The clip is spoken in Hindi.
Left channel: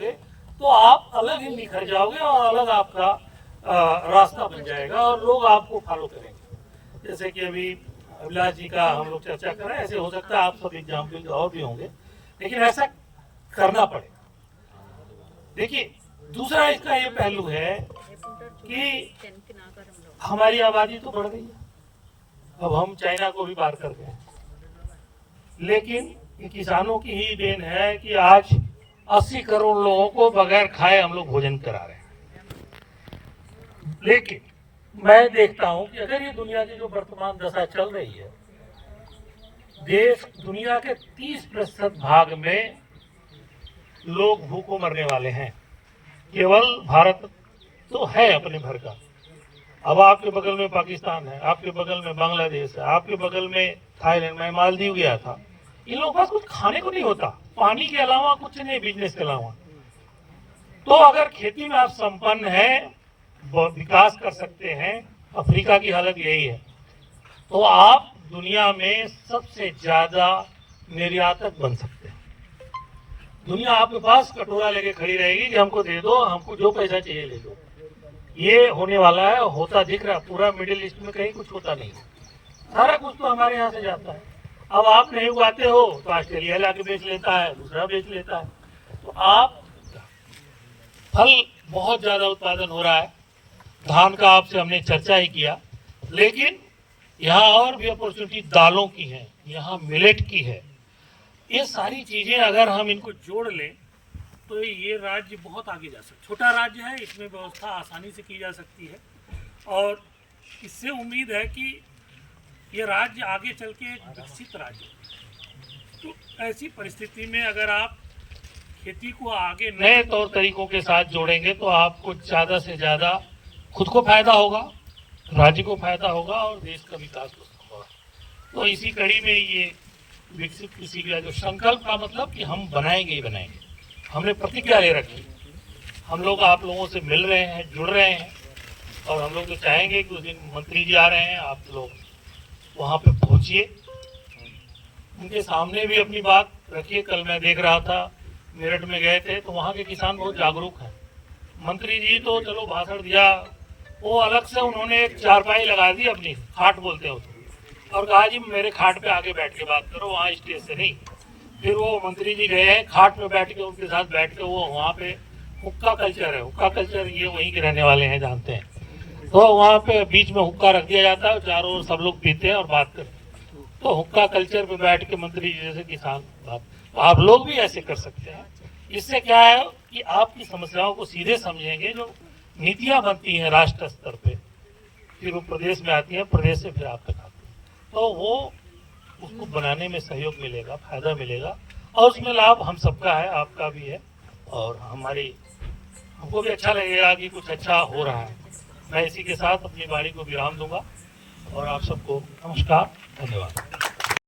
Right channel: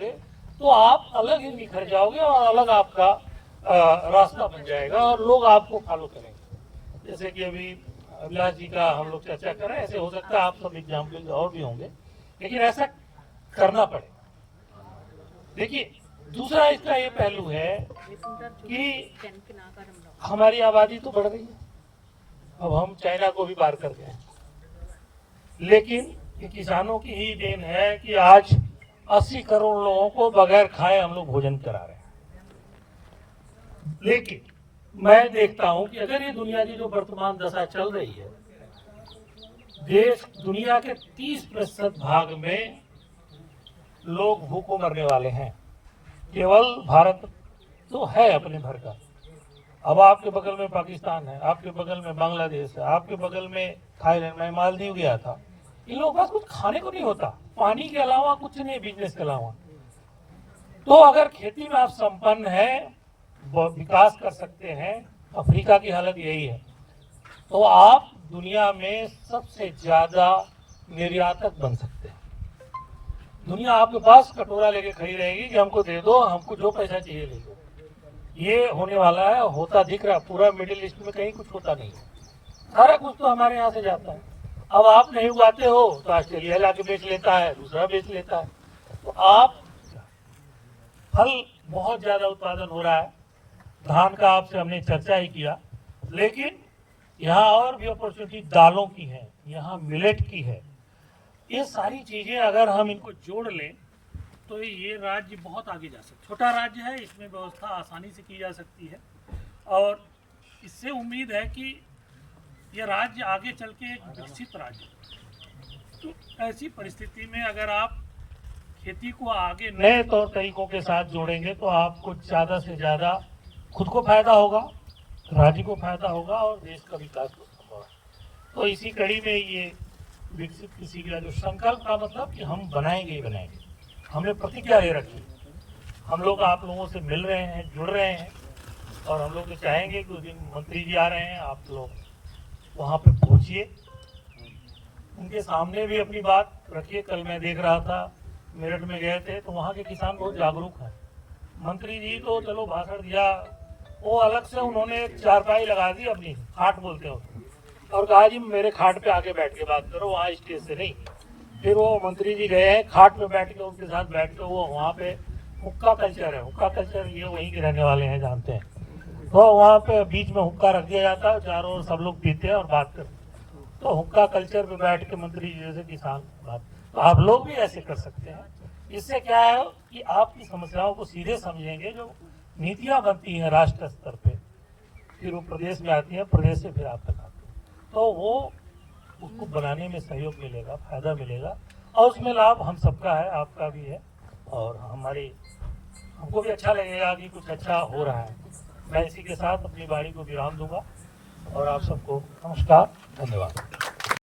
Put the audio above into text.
तो आप अलग ही निखर जाओगे और अलग आपका रास्ता बन जाएगा और लोग आपको फॉलो करेंगे। जैसे कि अभी अभिलाष जी का हम लोग चर्चा कर रहे हैं, ऐसे हो सकता है आप सब एग्जाम्पल और भी होंगे, लेकिन ऐसा करना पड़ेगा। देखिए, दूसरा इसका ये पहलू है कि हमारी आबादी तो बढ़ रही है, अब हम चाइना को भी पार कर गए, लेकिन ये किसानों की ही देन है कि आज 80 करोड़ लोगों को बगैर खाए हम लोग भोजन करा रहे हैं। लेकिन मैं देखता हूं कि अगर ये दुनिया की जो वर्तमान दशा चल रही है, देश दुनिया के 30% भाग में लोग भूखों मरने वाले हैं। केवल भारत तो है अपने भर का, अब आपके बगल में पाकिस्तान है, आपके बगल में बांग्लादेश है, आपके बगल में थाईलैंड, मैं मालदीव गया था। इन लोगों के पास कुछ खाने को नहीं होता, पानी के अलावा कुछ नहीं, बिजनेस के अलावा। तो अगर खेती में आप संपन्न हैं, विकास कर सकते हैं, अफ्रीका की हालत यही है, तो आप दुनिया में सबसे ज्यादा निर्यातक बन सकते हैं। दुनिया आपके पास कटोरा लेके खड़ी रहेगी कि हमको दे दो, हमको जो पैसा चाहिए ले दो। ये होने वाला है, होता दिख रहा है। पूरा मिडिल ईस्ट में कहीं कुछ होता नहीं है, सारा कुछ तो हमारे यहाँ से जाता है। अब आप नहीं उगाते हो तो ऑस्ट्रेलिया लाके बेच लेता है, दूसरा बेच लेता है। तो आप फल बहुत ज्यादा उत्पादन हो रहा है, धान का आपसे हमने चर्चा ही किया, लेकिन यहाँ और भी अपॉर्चुनिटी दालों की है, यहाँ मिलेट की है। ये सारी चीजें अगर हम इनको जोड़ लें तो ये राज्य बहुत आगे जा सकता है। छोटा राज्य है, इसमें व्यवस्था आसानी से की जा सकती है और इससे उम्मीद है कि ये राज्य आगे चल के एक विकसित राज्य हो। तो ऐसी परिस्थिति में अगर आप खेती को आगे नए तौर तरीकों के साथ जोड़ेंगे तो आपको ज़्यादा से ज़्यादा खुद को फायदा होगा, राज्य को फायदा होगा और देश का विकास होगा। तो इसी कड़ी में ये विकसित कृषि का जो संकल्प का मतलब कि हम बनाएंगे ही बनाएंगे, हमने प्रतिज्ञा ले रखी। हम लोग आप लोगों से मिल रहे हैं, जुड़ रहे हैं और हम लोग तो चाहेंगे कि उस दिन मंत्री जी आ रहे हैं, आप लोग वहाँ पे पहुँचिए, उनके सामने भी अपनी बात रखिए। कल मैं देख रहा था, मेरठ में गए थे तो वहाँ के किसान बहुत जागरूक हैं। मंत्री जी तो चलो भाषण दिया, वो अलग से उन्होंने एक चारपाई लगा दी अपनी, खाट बोलते हैं उसको, और कहा जी मेरे खाट पे आके बैठ के बात करो, वहाँ स्टेज से नहीं। फिर वो मंत्री जी गए हैं, खाट पे बैठ के उनके साथ बैठ के, वो वहाँ पे हुक्का कल्चर है, हुक्का कल्चर ये वहीं के रहने वाले हैं, जानते हैं। तो वहाँ पे बीच में हुक्का रख दिया जाता है, चारों ओर सब लोग पीते हैं और बात करते हैं। तो हुक्का कल्चर पे बैठ के मंत्री जी जैसे किसान बात, तो आप लोग भी ऐसे कर सकते हैं। इससे क्या है कि आपकी समस्याओं को सीधे समझेंगे, जो नीतियां बनती हैं राष्ट्र स्तर पे, फिर वो प्रदेश में आती हैं, प्रदेश से फिर आप तक आती हैं, तो वो उसको बनाने में सहयोग मिलेगा, फायदा मिलेगा और उसमें लाभ हम सबका है, आपका भी है और हमको भी अच्छा लगेगा कि कुछ अच्छा हो रहा है। मैं इसी के साथ अपनी वाणी को विराम दूंगा और आप सबको नमस्कार, धन्यवाद।